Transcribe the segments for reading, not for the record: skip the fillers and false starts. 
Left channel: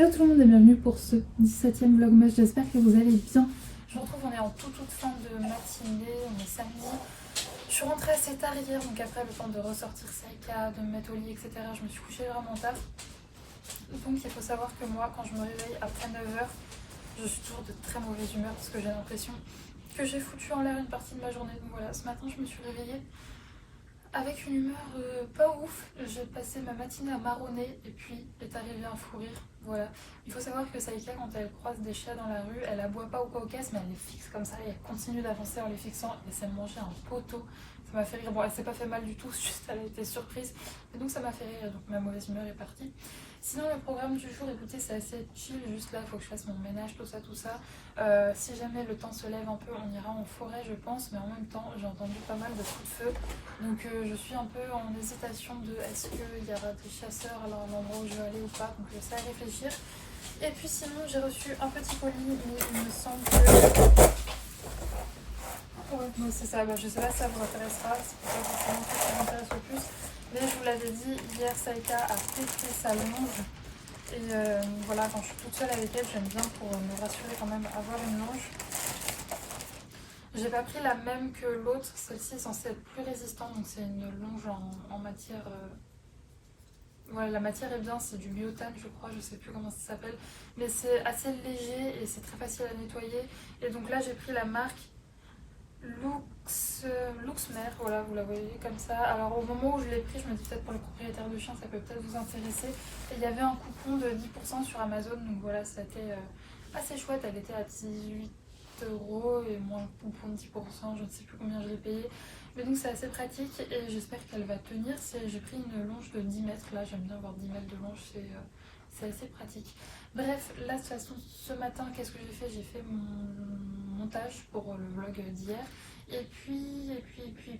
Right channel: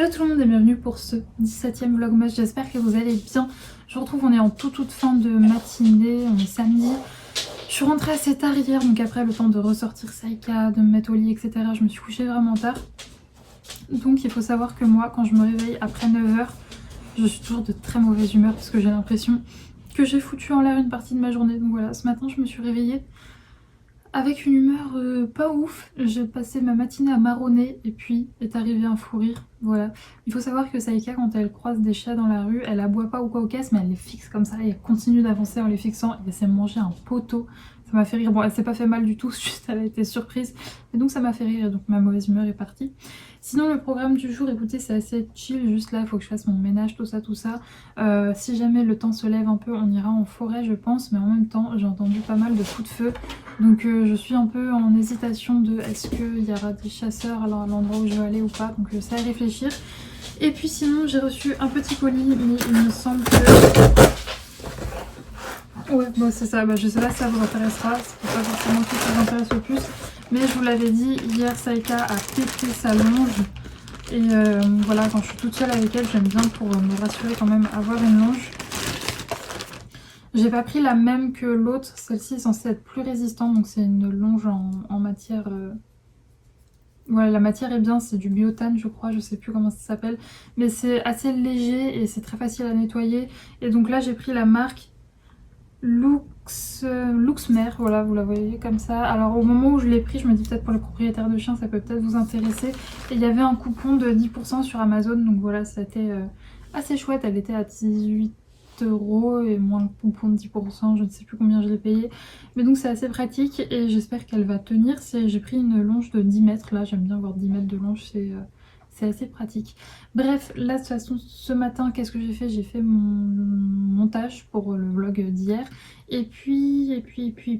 Hello tout le monde et bienvenue pour ce 17e vlogmas, j'espère que vous allez bien. Je vous retrouve, on est en toute fin de matinée, on est samedi. Je suis rentrée assez tard hier, donc après le temps de ressortir Saïka, de me mettre au lit, etc. Je me suis couchée vraiment tard. Donc il faut savoir que moi, quand je me réveille après 9h, je suis toujours de très mauvaise humeur parce que j'ai l'impression que j'ai foutu en l'air une partie de ma journée. Donc voilà, ce matin je me suis réveillée avec une humeur pas ouf. J'ai passé ma matinée à marronner et puis est arrivé un fou rire. Voilà. Il faut savoir que Saïka, quand elle croise des chats dans la rue, elle aboie pas ou quoi aux caisses, mais elle les fixe comme ça et elle continue d'avancer en les fixant. Elle essaie de manger un poteau. Ça m'a fait rire. Bon, elle s'est pas fait mal du tout, juste elle a été surprise. Et donc ça m'a fait rire et donc ma mauvaise humeur est partie. Sinon le programme du jour, écoutez, c'est assez chill, juste là il faut que je fasse mon ménage, tout ça. Si jamais le temps se lève un peu, on ira en forêt je pense, mais en même temps j'ai entendu pas mal de coups de feu. Donc je suis un peu en hésitation de est-ce qu'il y aura des chasseurs à l'endroit où je veux aller ou pas, donc je sais à réfléchir. Et puis sinon j'ai reçu un petit colis, mais il me semble que... Ouais, bon c'est ça, je sais pas si ça vous intéressera, c'est pas forcément tout ça vous intéresse le plus. Mais je vous l'avais dit, hier Saïka a pété sa longe. Et voilà, quand je suis toute seule avec elle, j'aime bien pour me rassurer quand même avoir une longe. J'ai pas pris la même que l'autre, celle-ci est censée être plus résistante, donc c'est une longe en matière... Voilà, la matière est bien, c'est du biotane je crois, je sais plus comment ça s'appelle. Mais c'est assez léger et c'est très facile à nettoyer. Et donc là j'ai pris la marque Luxmer, voilà, vous la voyez comme ça. Alors au moment où je l'ai pris, je me dis peut-être pour les propriétaires de chiens ça peut peut-être vous intéresser. Et il y avait un coupon de 10% sur Amazon, donc voilà, c'était assez chouette. Elle était à 18 € et moins le coupon de 10%, je ne sais plus combien je l'ai payé. Mais donc c'est assez pratique et j'espère qu'elle va tenir. J'ai pris une longe de 10 mètres, là j'aime bien avoir 10 mètres de longe, c'est assez pratique. Bref, là de toute façon ce matin qu'est-ce que j'ai fait? J'ai fait mon montage pour le vlog d'hier et puis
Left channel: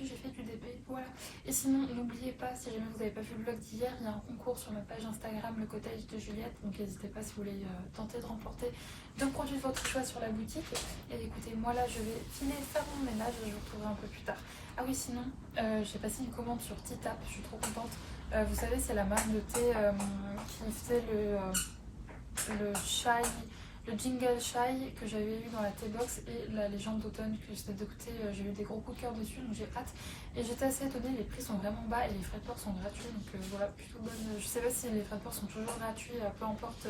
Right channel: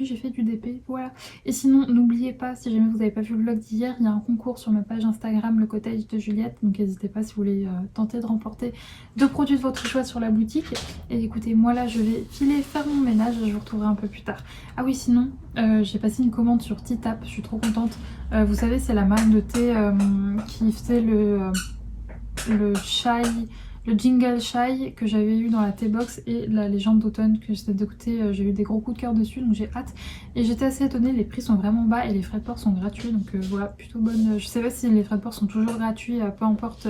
j'ai fait du DP, voilà. Et sinon n'oubliez pas, si jamais vous n'avez pas vu le vlog d'hier, il y a un concours sur ma page Instagram, le cottage de Juliette, donc n'hésitez pas si vous voulez tenter de remporter 2 produits de votre choix sur la boutique. Et écoutez, moi là je vais filer faire mon ménage, je vous retrouverai un peu plus tard. Ah oui, sinon j'ai passé une commande sur Titap, je suis trop contente. Vous savez, c'est la marque de thé qui faisait le chai, le jingle chai que j'avais eu dans la T-Box et la légende d'automne que j'étais d'écouter. J'ai eu des gros coups de cœur dessus, donc j'ai hâte. Et j'étais assez étonnée, les prix sont vraiment bas et les frais de port sont gratuits, donc voilà, plutôt bonne. Je sais pas si les frais de port sont toujours gratuits, peu importe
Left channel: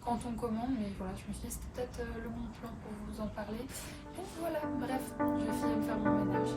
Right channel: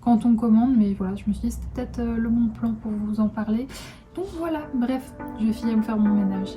quand on commande, mais voilà, je me suis dit c'était peut-être le bon plan pour vous en parler. Donc voilà, bref, je vais filer me faire mon ménage.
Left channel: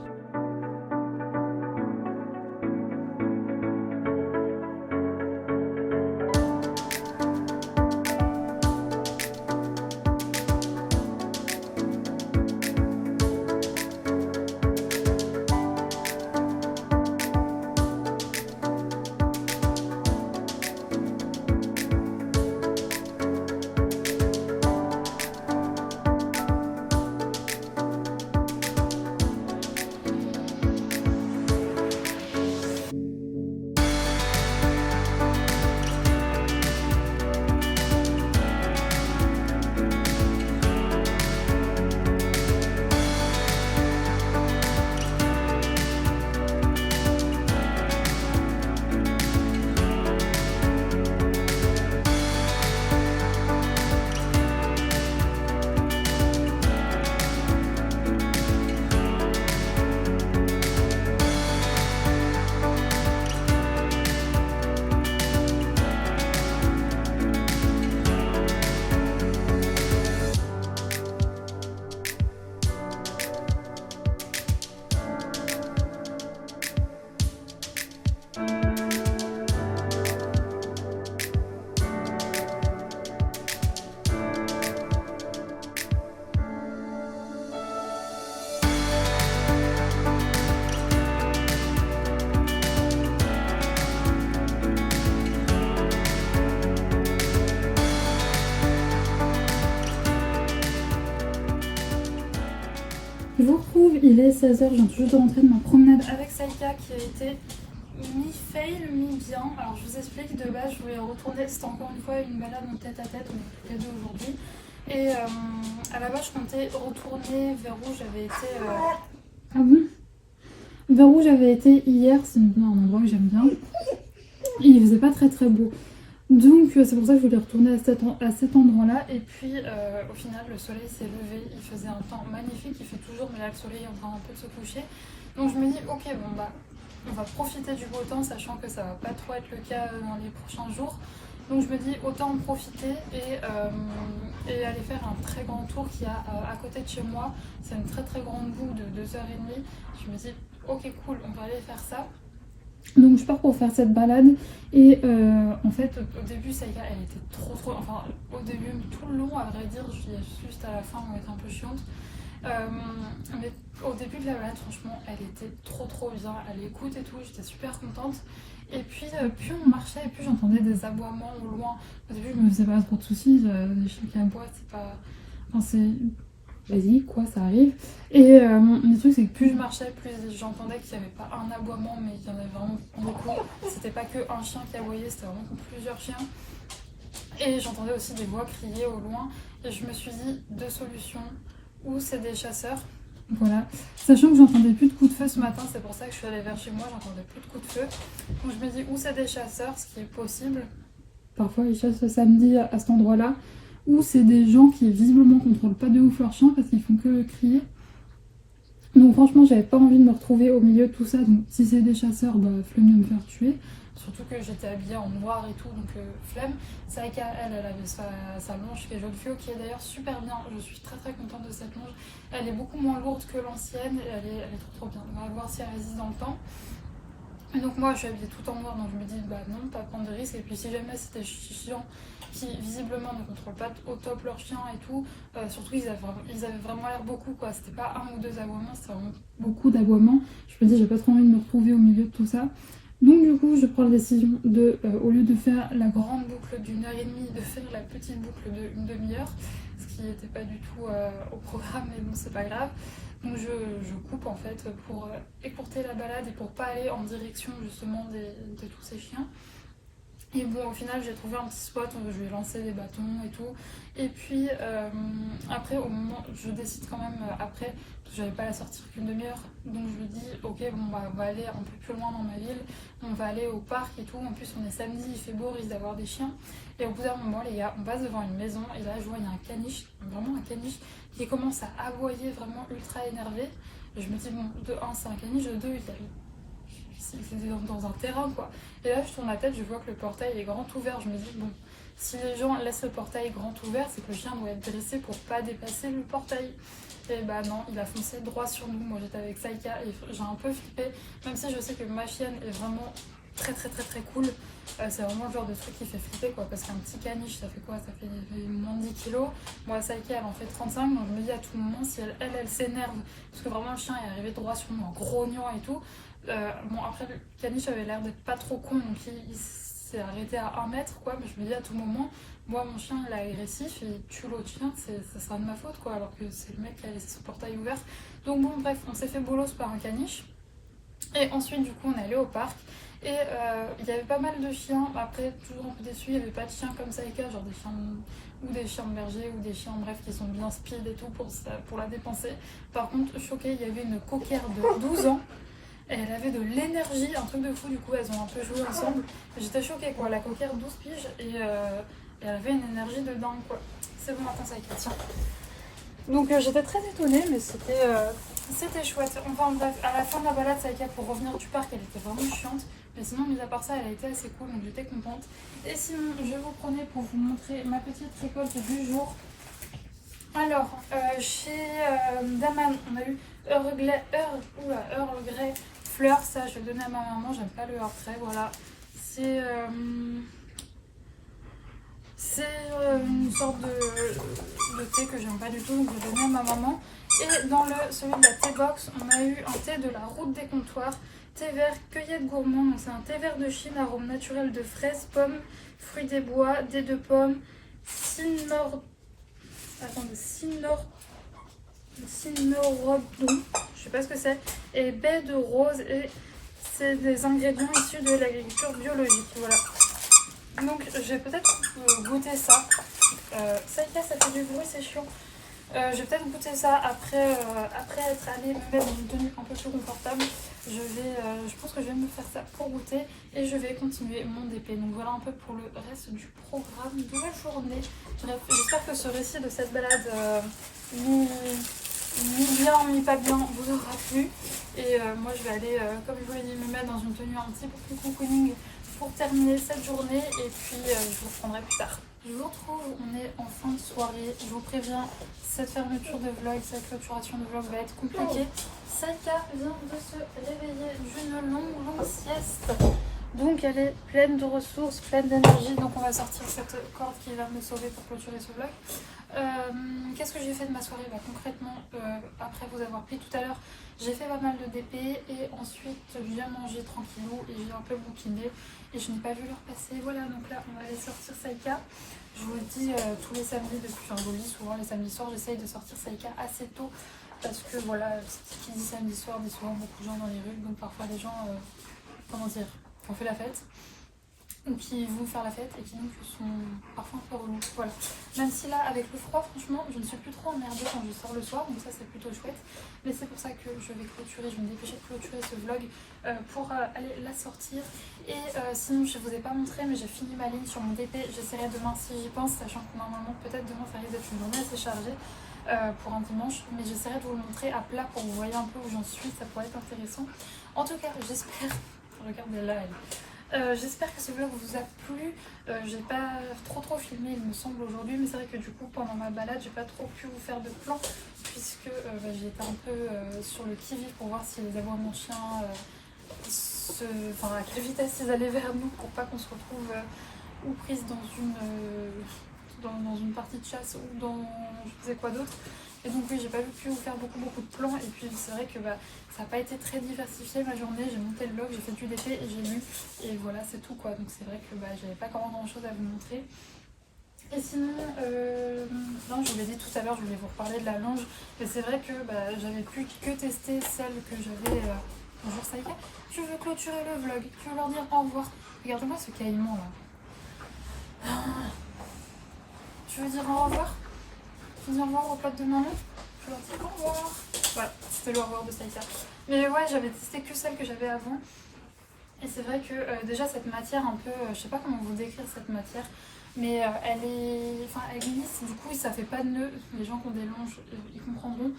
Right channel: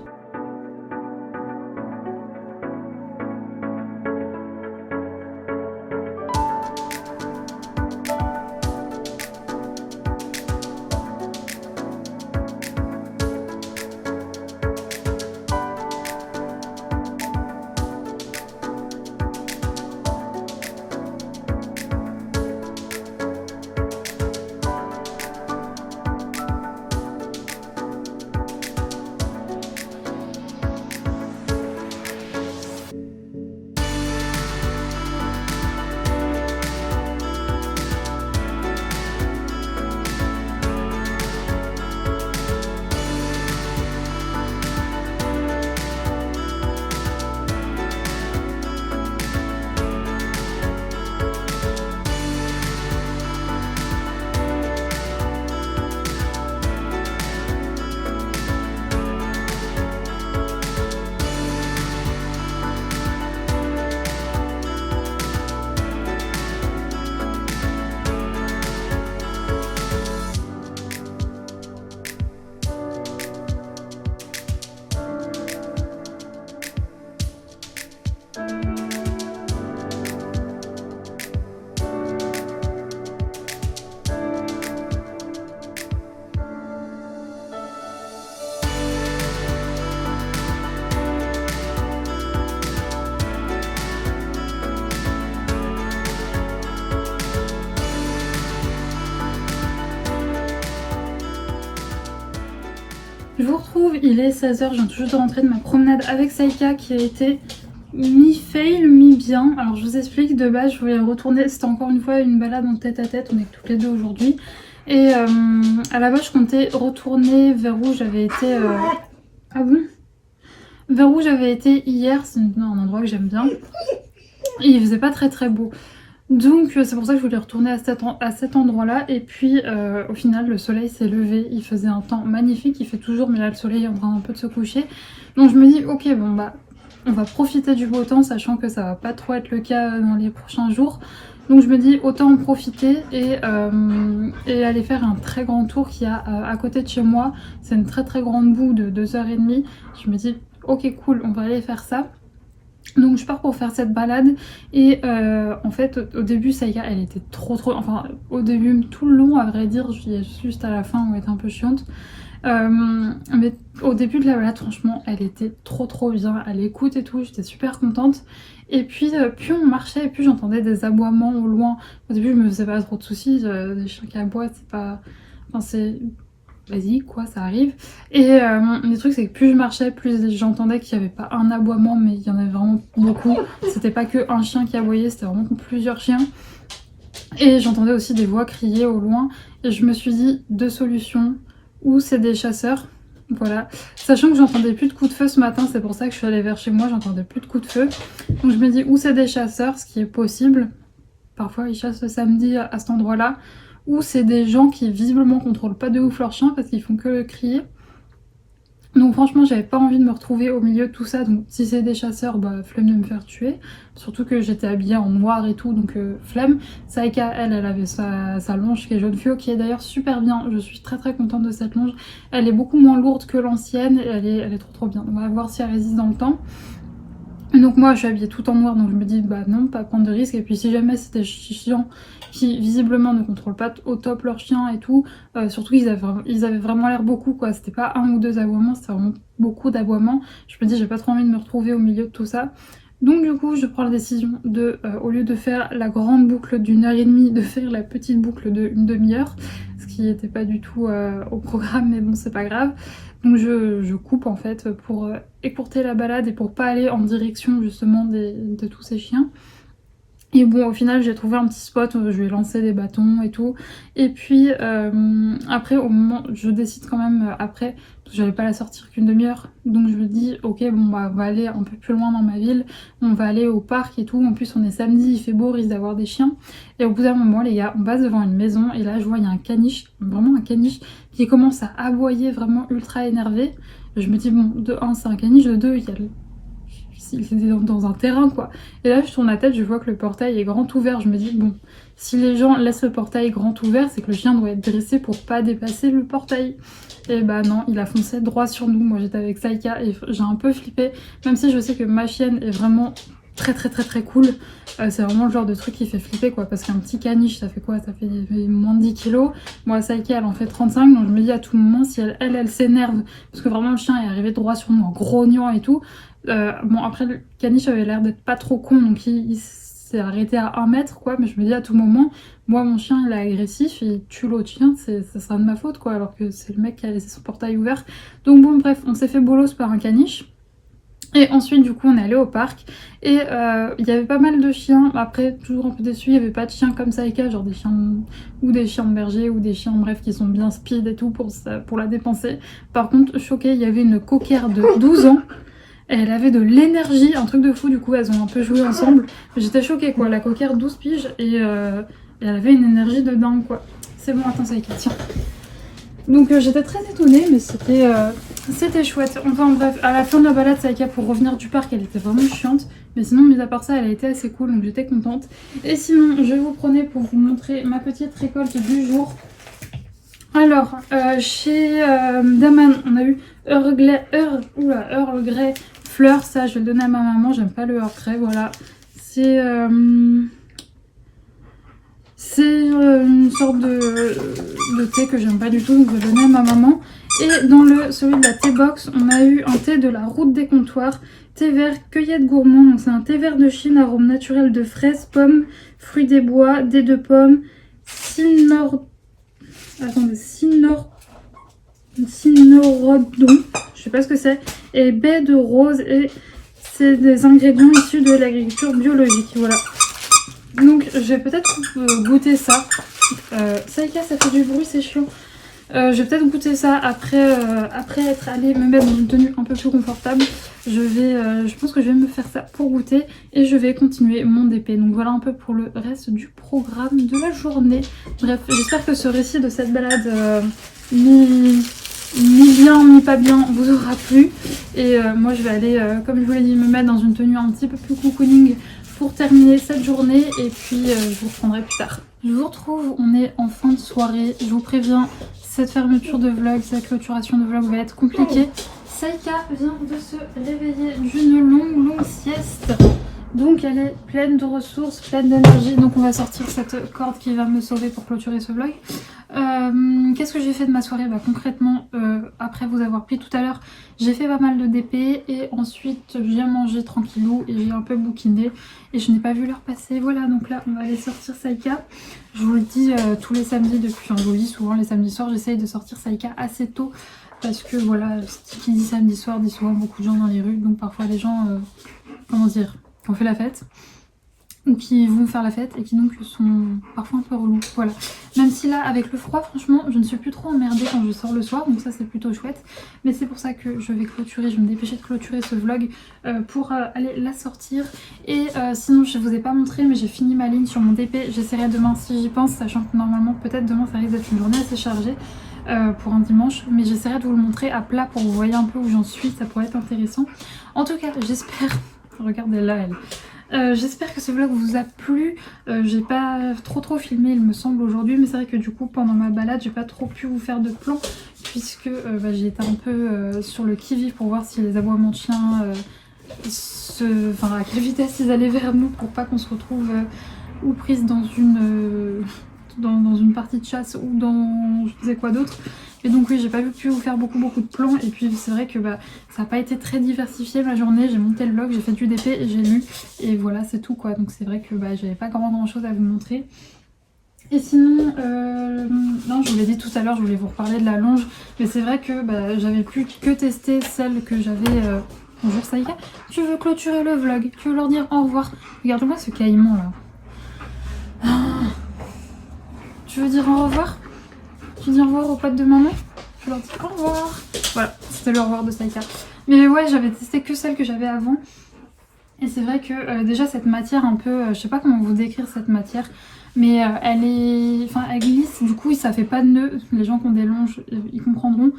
Je vous retrouve, il est 16h, je viens tout juste de rentrer de ma promenade avec Saïka qui a été mi-fail, mi-bien. Alors je vous explique, de base je voulais retourner, c'était encore une fois une balade en tête à tête, on est toutes les deux aujourd'hui. Et à la base je comptais retourner vers où j'avais été... Ah bon? Vers où j'avais été hier, c'est un endroit que j'aime bien. Et il faisait pas très beau. Donc c'est pour ça que je voulais retourner à cet endroit-là. Et puis au final le soleil s'est levé, il faisait un temps magnifique, il fait toujours, mais là le soleil est en train un peu de se coucher. Donc je me dis ok bon bah on va profiter du beau temps, sachant que ça va pas trop être le cas dans les prochains jours. Donc je me dis autant en profiter et aller faire un très grand tour qu'il y a à côté de chez moi. C'est une très très grande boue de 2h30. Je me dis ok cool, on va aller faire ça. Donc je pars pour faire cette balade et en fait au début Saïka elle était trop enfin au début tout le long à vrai dire, juste à la fin où elle était un peu chiante. Mais au début de la balade franchement elle était trop bien, elle écoute et tout, j'étais super contente. Et puis plus on marchait et plus j'entendais des aboiements au loin. Au début je me faisais pas trop de soucis, des chiens qui aboient c'est pas... Enfin c'est... Vas-y quoi, ça arrive. Et le truc c'est que plus je marchais, plus j'entendais qu'il n'y avait pas un aboiement, mais il y en avait vraiment beaucoup. C'était pas que un chien qui aboyait, c'était vraiment plusieurs chiens. Et j'entendais aussi des voix crier au loin. Et je me suis dit, deux solutions. Ou c'est des chasseurs, voilà. Sachant que j'entendais plus de coups de feu ce matin, c'est pour ça que je suis allée vers chez moi, j'entendais plus de coups de feu. Donc je me dis, ou c'est des chasseurs, ce qui est possible. Parfois ils chassent le samedi à cet endroit-là. Ou c'est des gens qui visiblement contrôlent pas de ouf leur chien parce qu'ils font que crier. Donc franchement j'avais pas envie de me retrouver au milieu de tout ça, donc si c'est des chasseurs, bah flemme de me faire tuer. Surtout que j'étais habillée en noir et tout, donc flemme. Saïka elle avait sa longe qui est jaune fluo, qui est d'ailleurs super bien, je suis très contente de cette longe. Elle est beaucoup moins lourde que l'ancienne, elle est trop bien, on va voir si elle résiste dans le temps. Et donc moi je suis habillée tout en noir, donc je me dis bah non, pas prendre de risque. Et puis si jamais c'était chiant qui visiblement ne contrôlent pas au top leur chien et tout, surtout ils avaient vraiment l'air beaucoup quoi, c'était pas un ou deux aboiements, c'était vraiment beaucoup d'aboiements. Je me dis j'ai pas trop envie de me retrouver au milieu de tout ça. Donc du coup je prends la décision de, au lieu de faire la grande boucle d'1h30, de faire la petite boucle d'une demi-heure, ce qui n'était pas du tout au programme, mais bon c'est pas grave. Donc je coupe en fait pour écourter la balade et pour pas aller en direction justement de tous ces chiens. Et bon au final j'ai trouvé un petit spot, je vais lancer des bâtons et tout. Et puis après au moment, je décide quand même après, parce que j'allais pas la sortir qu'une demi-heure. Donc je me dis ok bon bah on va aller un peu plus loin dans ma ville, on va aller au parc et tout. En plus on est samedi, il fait beau, risque d'avoir des chiens. Et au bout d'un moment les gars, on passe devant une maison et là je vois il y a un caniche, vraiment un caniche qui commence à aboyer vraiment ultra énervé. Je me dis bon de 1 c'est un caniche, de 2 il y a c'était dans un terrain quoi. Et là je tourne la tête, je vois que le portail est grand ouvert, je me dis bon si les gens laissent le portail grand ouvert c'est que le chien doit être dressé pour pas dépasser le portail. Et bah non, il a foncé droit sur nous. Moi j'étais avec Saïka et j'ai un peu flippé, même si je sais que ma chienne est vraiment très cool. C'est vraiment le genre de truc qui fait flipper quoi, parce qu'un petit caniche ça fait quoi, ça fait moins de 10 kilos. Moi Saïka elle en fait 35, donc je me dis à tout moment si elle s'énerve, parce que vraiment le chien est arrivé droit sur nous en grognant et tout. Bon après le caniche avait l'air d'être pas trop con, donc il s'est arrêté à 1 mètre quoi, mais je me dis à tout moment, moi mon chien il est agressif, il tue l'autre chien, ça sera de ma faute quoi, alors que c'est le mec qui a laissé son portail ouvert. Donc bon bref, on s'est fait bolos par un caniche. Et ensuite du coup on est allé au parc et il y avait pas mal de chiens. Après toujours un peu déçu, il n'y avait pas de chiens comme Saïka, genre des chiens ou des chiens de berger ou des chiens bref qui sont bien speed et tout pour la dépenser. Par contre choquée, il y avait une coquère de 12 ans. Elle avait de l'énergie, un truc de fou, du coup elles ont un peu joué ensemble. J'étais choquée quoi, la coquère 12 piges et elle avait une énergie de dingue quoi. C'est bon, attends Saïka, tiens. Donc j'étais très étonnée, mais c'était chouette. Enfin bref, à la fin de la balade, Saïka, pour revenir du parc, elle était vraiment chiante. Mais sinon, mis à part ça, elle a été assez cool, donc j'étais contente. Et sinon, je vous prenais pour vous montrer ma petite récolte du jour. Alors, chez Daman, on a eu Earl Grey fleur. Ça, je vais le donner à ma maman, j'aime pas le Earl Grey, voilà. C'est une sorte de thé que j'aime pas du tout, donc je vais le donner à ma maman. Et dans celui de la thé box, on a eu un thé de la route des comptoirs, thé vert cueillette gourmand. Donc c'est un thé vert de Chine, arôme naturel de fraises, pommes, fruits des bois, dés de pommes, cynorhodon, je sais pas ce que c'est, et baie de rose. Et c'est des ingrédients issus de l'agriculture biologique, voilà. Donc je vais peut-être goûter ça. Saïka, ça fait du bruit, c'est chiant. Je vais peut-être goûter ça après être allée me mettre dans une tenue un peu plus confortable. Je pense que je vais me faire ça pour goûter et je vais continuer mon DP. Donc voilà un peu pour le reste du programme de la journée. Bref, j'espère que ce récit de cette balade ni bien ni pas bien vous aura plu. Et moi je vais aller, comme je vous l'ai dit, me mettre dans une tenue un petit peu plus cocooning pour terminer cette journée et puis je vous reprendrai plus tard. Je vous retrouve, on est en fin de soirée, je vous préviens, cette fermeture de vlog, cette clôturation de vlog va être compliquée. Saïka vient de se réveiller d'une longue sieste, donc elle est pleine de ressources, pleine d'énergie, donc on va sortir cette corde qui va me sauver pour clôturer ce vlog. Qu'est-ce que j'ai fait de ma soirée? Concrètement, après vous avoir pris tout à l'heure, j'ai fait pas mal de DP et ensuite j'ai mangé tranquillou et j'ai un peu bouquiné et je n'ai pas vu l'heure passer. Voilà, donc là on va aller sortir Saïka. Je vous le dis tous les samedis depuis, je vous le dis souvent les samedis soirs, j'essaye de sortir Saïka assez tôt parce que voilà, qui dit samedi soir dit souvent beaucoup de gens dans les rues, donc parfois les gens, comment dire, on fait la fête ou qui vont faire la fête et qui donc sont parfois un peu relous, voilà. Même si là avec le froid franchement je ne suis plus trop emmerdée quand je sors le soir, donc ça c'est plutôt chouette. Mais c'est pour ça que je vais clôturer, je vais me dépêcher de clôturer ce vlog pour aller la sortir. Et sinon je vous ai pas montré mais j'ai fini ma ligne sur mon DP, j'essaierai demain si j'y pense, sachant que normalement peut-être demain ça risque d'être une journée assez chargée pour un dimanche, mais j'essaierai de vous le montrer à plat pour que vous voyez un peu où j'en suis, ça pourrait être intéressant. En tout cas j'espère, regardez là elle. J'espère que ce vlog vous a plu. J'ai pas trop filmé il me semble aujourd'hui, mais c'est vrai que du coup pendant ma balade j'ai pas trop pu vous faire de plan puisque j'ai été un peu sur le qui-vive pour voir si les aboiements de chiens à quelle vitesse ils allaient vers nous pour pas qu'on se retrouve ou prise dans une partie de chasse ou dans je sais quoi d'autre. Et donc oui, j'ai pas pu vous faire beaucoup de plans et puis c'est vrai que ça n'a pas été très diversifié ma journée. J'ai monté le vlog, j'ai fait du DP et j'ai lu et voilà c'est tout quoi. Donc c'est vrai que j'avais pas grand chose à vous montrer. Et sinon, non je vous l'ai dit tout à l'heure, je voulais vous reparler de la longe, mais c'est vrai que j'avais plus que testé celle que j'avais... Bonjour Saïka, tu veux clôturer le vlog, tu veux leur dire au revoir. Regarde-moi ce caïman là. Ah. Tu veux dire au revoir? Tu dis au revoir aux potes de maman? Je leur dis au revoir. Voilà, c'était le au revoir de Saïka. Mais ouais, j'avais testé que celle que j'avais avant. Et c'est vrai que déjà cette matière un peu, je sais pas comment vous décrire cette matière, mais elle glisse, du coup ça fait pas de nœud. Les gens qui ont des longes, ils comprendront.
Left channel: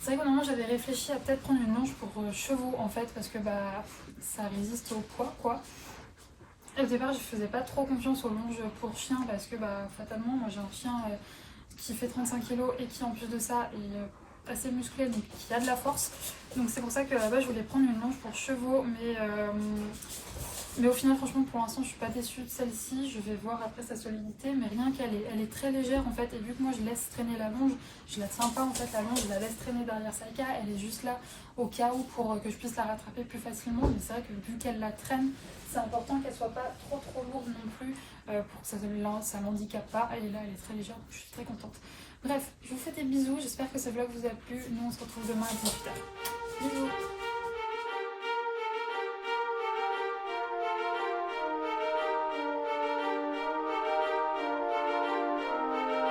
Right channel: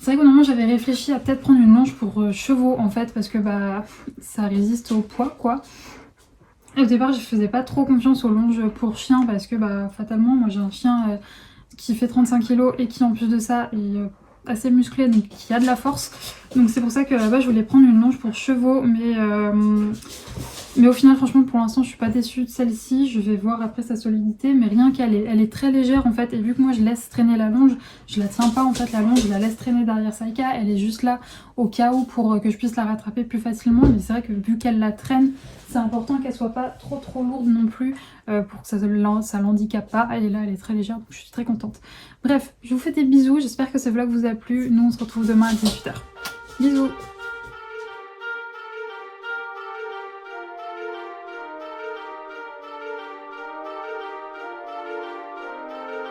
C'est vrai que normalement j'avais réfléchi à peut-être prendre une longe pour chevaux en fait, parce que ça résiste au poids quoi. Et au départ je faisais pas trop confiance aux longes pour chiens parce que fatalement moi j'ai un chien qui fait 35 kg et qui en plus de ça est assez musclé, donc qui a de la force. Donc c'est pour ça que là-bas je voulais prendre une longe pour chevaux, mais au final franchement pour l'instant je suis pas déçue de celle-ci. Je vais voir après sa solidité, mais rien qu'elle est très légère en fait, et vu que moi je laisse traîner la longe, je la tiens pas en fait la longe, je la laisse traîner derrière Saïka, elle est juste là au cas où pour que je puisse la rattraper plus facilement. Mais c'est vrai que vu qu'elle la traîne, c'est important qu'elle soit pas trop lourde non plus pour que ça l'handicape pas. Elle est là, elle est très légère, donc je suis très contente. Bref, je vous fais des bisous, j'espère que ce vlog vous a plu. Nous on se retrouve demain à 18h. Bisous.